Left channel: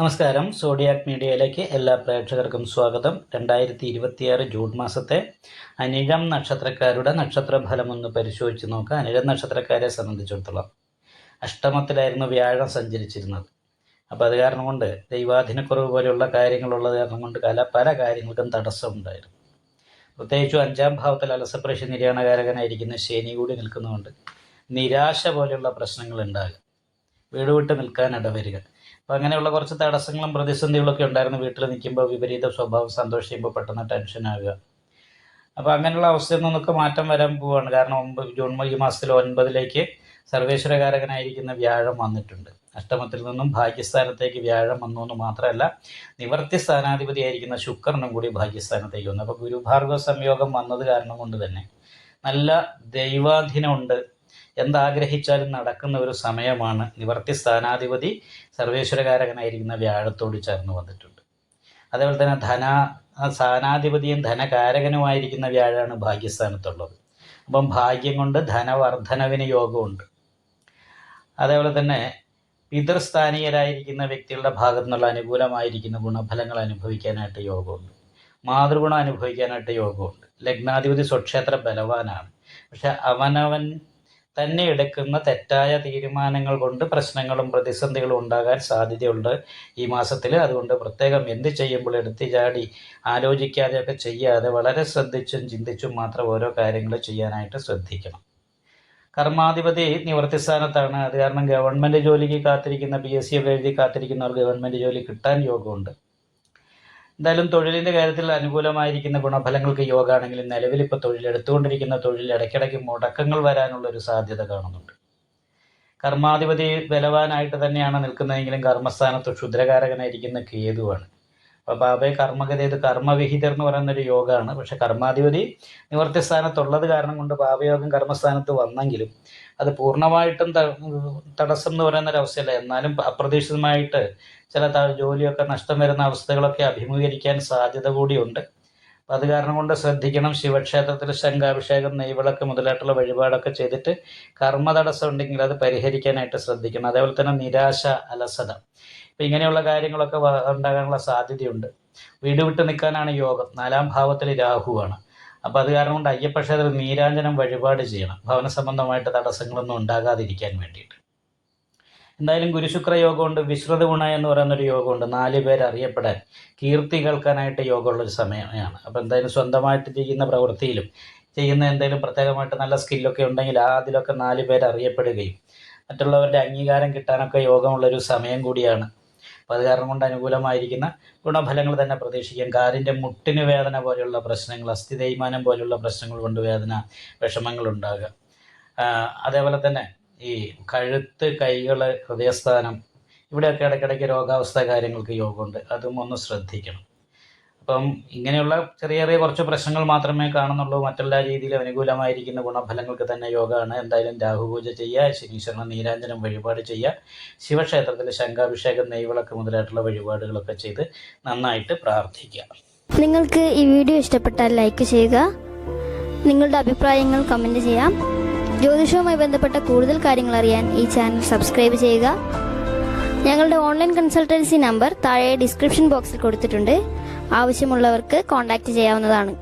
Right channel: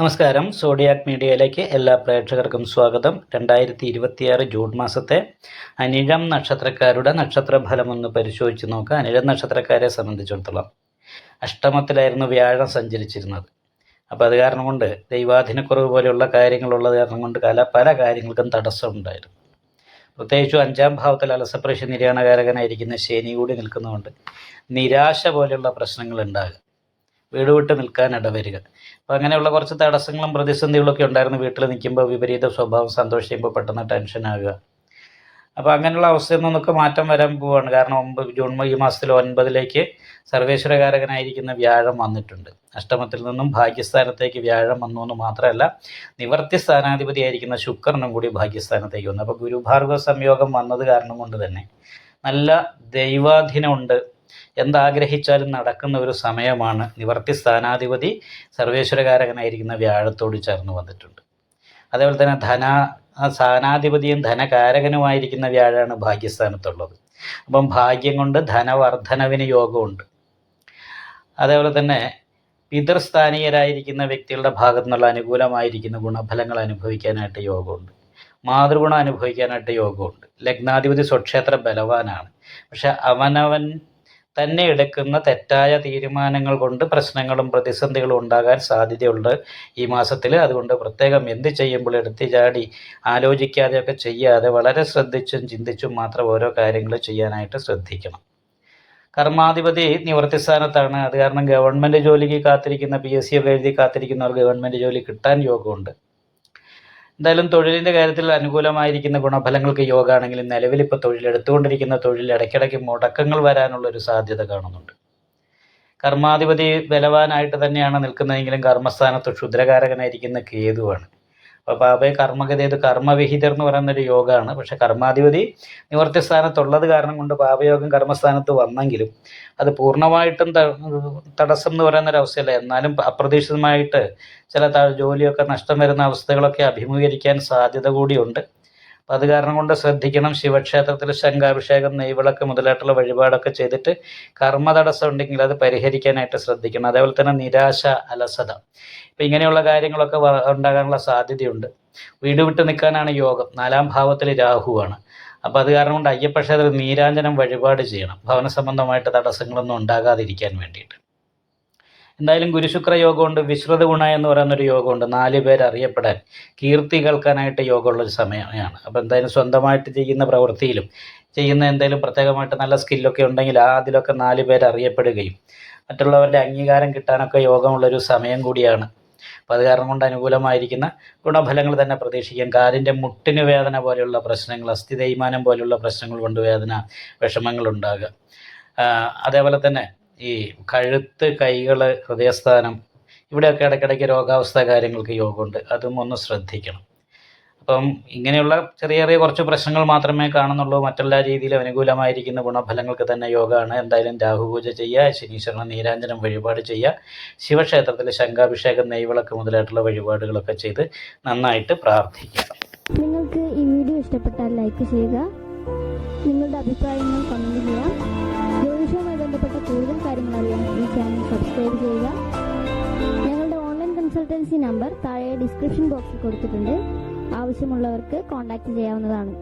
നമസ്കാരം. സോഡിയാക് മീഡിയയിലേക്ക് എല്ലാ പ്രേക്ഷകർക്കും സ്വാഗതം. 2026 ജൂൺ മാസത്തെ അനിഴം നക്ഷത്രക്കാരുടെ നക്ഷത്രഫലമൊന്ന് പരിശോധിച്ച് നോക്കുക. അനിഴം നക്ഷത്രക്കാരെ സംബന്ധിച്ചിടത്തോളം അഷ്ടമത്തിലായിരുന്നു വ്യാഴം സഞ്ചരിച്ചിരുന്നത്. അപ്പോൾ അത് കാരണം കൊണ്ട് ദൈവാധീനക്കുറവ് പോലെയുള്ള കാര്യങ്ങളുള്ളത് കാരണം കൊണ്ട് പല കാര്യങ്ങൾക്കും തടസ്സമുണ്ടായിരുന്നു. പ്രത്യേകിച്ചും 5-ാം ഭാവത്തിൽ അലസപ്രശ്യ നിര്യാണകാരകനായിരിക്കുന്ന ശനി കൂടി നിൽക്കുന്നതുകൊണ്ട് നിരാശ പോലെയുള്ള പ്രശ്നങ്ങൾ ഉണ്ടാകുക, വീട് വിട്ട് നിൽക്കാൻ ഇടവരിക. അപ്പോൾ അങ്ങനെയുള്ള കുറച്ച് തടസ്സങ്ങളും പ്രതിസന്ധികളൊക്കെ ഉണ്ടായിരുന്നു. വീട്ടിൽ നിൽക്കുമ്പോൾ വിപരീത സ്വഭാവം, സന്തോഷിക്കുമ്പോൾ പെട്ടെന്ന് ടെൻഷനാകുക. അപ്പോൾ അങ്ങനെയുള്ള അവസ്ഥയിൽ നിന്നൊക്കെ മാറ്റം വരാൻ പോവുകയാണ്. കാരണം ജൂൺ ഈ മാസത്തിൽ 9ലേക്ക് സർവേശ്വരകാരകനായിരിക്കുന്ന വ്യാഴം വന്നിട്ടുണ്ട്. അഷ്ടമത്തിൽ നിന്നും ഭാഗ്യസ്ഥാനത്തേക്ക് വ്യാഴം വന്നു എന്ന് മാത്രമല്ല, നിവർത്തി സ്ഥാനാധിപതിയായിരിക്കുന്ന ശുക്രനും കൂടി ഭാഗ്യസ്ഥാനത്തേക്ക് വന്നു. അപ്പോൾ ഗുരുഭാർഗവ സംയോഗം വന്നത് കാരണം കൊണ്ട് തന്നെ നല്ല ദൈവാധീനമുണ്ട്, എന്താഗ്രഹിച്ചാലും നടക്കുന്ന ഒരു സമയമാണ്. നിവർത്തി സ്ഥാനാധിപതി സർവേശ്വരകാരകനായിരിക്കുന്ന വ്യാഴത്തോട് ചേർന്ന് വന്നിട്ടുണ്ട്. അതേപോലെ തന്നെ സ്ഥാനാധിപതിയും ധനകാരകനുമായിരിക്കുന്ന വ്യാഴാണ് ഭാഗ്യസ്ഥാനത്തുള്ളത്. അപ്പം ഭാഗ്യം കൊണ്ട് ധനവർദ്ധനവിന് യോഗമുണ്ട്. അതേപോലെ തന്നെ പിതൃസ്ഥാനീയരായിരിക്കുന്ന വ്യക്തികളുടെ ഭാഗത്തു നിന്നുള്ള അനുകൂലമായിരിക്കുന്ന ഗുണഫലങ്ങൾ അനുഭവിക്കാനായിട്ട് യോഗമുണ്ട്. മാതൃഗുണം അനുഭവിക്കാനായിട്ട് യോഗമുണ്ട്. ലഗ്നാധിപതി സ്വക്ഷേത്ര ബലവാനാണ്. പക്ഷെ അവനവൻ തന്നെ എടുക്കുന്ന തെറ്റായ തീരുമാനങ്ങൾ കൊണ്ട് പ്രശ്നങ്ങളും പ്രതിസന്ധികളും ഉണ്ടാകാൻ സാധ്യതയുണ്ട് ഈ മാസത്തിൽ. അതുകൊണ്ട് പ്രത്യേകം എന്ത് ചെയ്യുമ്പോൾ എടുത്തു ചാടി ആലോചിക്കാതെയൊക്കെ ചെയ്യാതെ വളരെ ശ്രദ്ധിച്ചും ചിന്തിച്ചും മാത്രം ഓരോ കാര്യങ്ങൾ ചെയ്യാനായിട്ട് ശ്രദ്ധിക്കണം. കർമാധിപതി നിവൃത്തിസ്ഥാനത്താണ്. അത് കാരണം ഗവൺമെൻറ് ജോലിക്ക് കാത്തിരിക്കുന്ന, PSC ഒക്കെ എഴുതി കാത്തിരിക്കുന്നവർ ഗവൺമെൻറ് ജോലി കിട്ടാൻ യോഗമുണ്ട്. എന്തായാലും തൊഴിലിൻ്റെ കാര്യത്തിൽ അനുകൂലമായിരിക്കുന്ന ഗുണഫലങ്ങൾക്ക് യോഗമാണെങ്കിലും നിലവിലിപ്പോൾ എടുത്തുകൊണ്ടിരിക്കുന്ന തൊഴിൽ ഇടയ്ക്കിടയ്ക്ക് മുടക്കങ്ങൾ വരാനുള്ളൊരു സാധ്യത കാണുന്നുണ്ട്. കർമാധിപതി ബലവാനായിട്ട് തന്നെയാണ് നിൽക്കുന്നതെങ്കിലും കർമ്മസ്ഥാനത്ത് ക്ഷുദ്രകാരകനായിരിക്കുന്ന കേതുവാണ്. അപ്പോൾ പാപയെ കർമ്മഗതി, ഇത് കർമ്മവിഹിതർ എന്ന് പറയുന്നൊരു യോഗമാണ്. പക്ഷെ കർമാധിപതി നിവർത്തി സ്ഥാനത്തുള്ളത് കാരണം കൊണ്ട് പാപയോഗം കർമ്മസ്ഥാനത്ത് വന്നെങ്കിലും അത് പൂർണ്ണമായിട്ടും തടസ്സം എന്ന് പറയുന്നൊരവസ്ഥയല്ല. എന്നാലും അപ്രതീക്ഷിതമായിട്ട് ചില ജോലിയൊക്കെ നഷ്ടം വരുന്ന അവസ്ഥകളൊക്കെ അഭിമുഖീകരിക്കാൻ സാധ്യത കൂടിയുണ്ട്. അപ്പം അത് കാരണം കൊണ്ട് ശ്രദ്ധിക്കണം. ശിവക്ഷേത്രത്തിൽ ശംഖാഭിഷേകം, നെയ്വിളക്ക് മുതലായിട്ടുള്ള വഴിപാടൊക്കെ ചെയ്തിട്ട് കർമ്മ തടസ്സം ഉണ്ടെങ്കിൽ അത് പരിഹരിക്കാനായിട്ട് ശ്രദ്ധിക്കണം. അതേപോലെ തന്നെ നിരാശ, അലസത, ഇപ്പം ഇങ്ങനെയുള്ള കാര്യങ്ങളൊക്കെ ഉണ്ടാകാനുള്ള സാധ്യതയുണ്ട്. വീട് വിട്ട് നിൽക്കാനാണ് യോഗം. 4-ാം ഭാവത്തിൽ രാഹുവാണ്. അപ്പോൾ അത് കാരണം കൊണ്ട് അയ്യപ്പക്ഷേത്രത്തിൽ നീരാഞ്ജനം വഴിപാട് ചെയ്യണം, ഭവന സംബന്ധമായിട്ട് തടസ്സങ്ങളൊന്നും ഉണ്ടാകാതിരിക്കാൻ വേണ്ടിയിട്ട്. എന്തായാലും ഗുരുശുക്ര യോഗമുണ്ട്. വിശ്രുത ഗുണ എന്ന് പറയുന്നൊരു യോഗമുണ്ട്. 4 പേർ അറിയപ്പെടാൻ, കീർത്തി കേൾക്കാനായിട്ട് യോഗമുള്ളൊരു സമയമാണ്. അപ്പോൾ എന്തായാലും സ്വന്തമായിട്ട് ചെയ്യുന്ന പ്രവൃത്തിയിലും ചെയ്യുന്ന എന്തെങ്കിലും പ്രത്യേകമായിട്ട് നല്ല സ്കില്ലൊക്കെ ഉണ്ടെങ്കിൽ അതിലൊക്കെ 4 പേർ അറിയപ്പെടുകയും മറ്റുള്ളവരുടെ അംഗീകാരം കിട്ടാനൊക്കെ യോഗമുള്ളൊരു സമയം കൂടിയാണ്. അപ്പോൾ അത് കാരണം കൊണ്ട് അനുകൂലമായിരിക്കുന്ന ഗുണഫലങ്ങൾ തന്നെ പ്രതീക്ഷിക്കാം. കാലിൻ്റെ മുട്ടിന് വേദന പോലെയുള്ള പ്രശ്നങ്ങൾ, അസ്ഥി തേയ്മാനം പോലെയുള്ള പ്രശ്നങ്ങൾ കൊണ്ട് വേദന, വിഷമങ്ങൾ ഉണ്ടാകുക. അതേപോലെ തന്നെ ഈ കഴുത്ത്, കൈകൾ, ഹൃദയസ്ഥാനം, ഇവിടെയൊക്കെ ഇടയ്ക്കിടയ്ക്ക് രോഗാവസ്ഥ കാര്യങ്ങൾക്ക് യോഗമുണ്ട്. അതും ഒന്ന് ശ്രദ്ധിക്കണം. അപ്പം ഇങ്ങനെയുള്ള ചെറിയ ചെറിയ കുറച്ച് പ്രശ്നങ്ങൾ മാത്രമേ കാണുന്നുള്ളൂ. മറ്റെല്ലാ രീതിയിലും അനുകൂലമായിരിക്കുന്ന ഗുണഫലങ്ങൾക്ക് തന്നെ യോഗമാണ്. എന്തായാലും രാഹുപൂജ ചെയ്യുക, ശനീശ്വരന് നീരാഞ്ജനം വഴിപാട് ചെയ്യുക, ശിവക്ഷേത്രത്തിൽ ശംഖാഭിഷേകം, നെയ്വിളക്ക് മുതലായിട്ടുള്ള വഴിപാടുകളൊക്കെ ചെയ്ത് നന്നായിട്ട് പ്രാർത്ഥിക്കുക. നിങ്ങൾക്ക് ഈ വീഡിയോ ഇഷ്ടപ്പെട്ടാൽ ലൈക്ക് ചെയ്യുക, നിങ്ങളുടെ അഭിപ്രായങ്ങൾ കമൻറ്റ് ചെയ്യാം. ജ്യോതിഷവുമായി ബന്ധപ്പെട്ട കൂടുതൽ കാര്യങ്ങൾ അറിയാൻ ഈ ചാനൽ സബ്സ്ക്രൈബ് ചെയ്യുക. ഞങ്ങളുടെ ഓൺലൈൻ കൺസൾട്ടൻസി നമ്പർ താഴെ ഡിസ്ക്രിപ്ഷൻ ബോക്സിൽ കൊടുത്തിട്ടുണ്ട്. ആവശ്യമുള്ളവർക്ക് കോൺടാക്റ്റ് ചെയ്യാവുന്നതാണ്.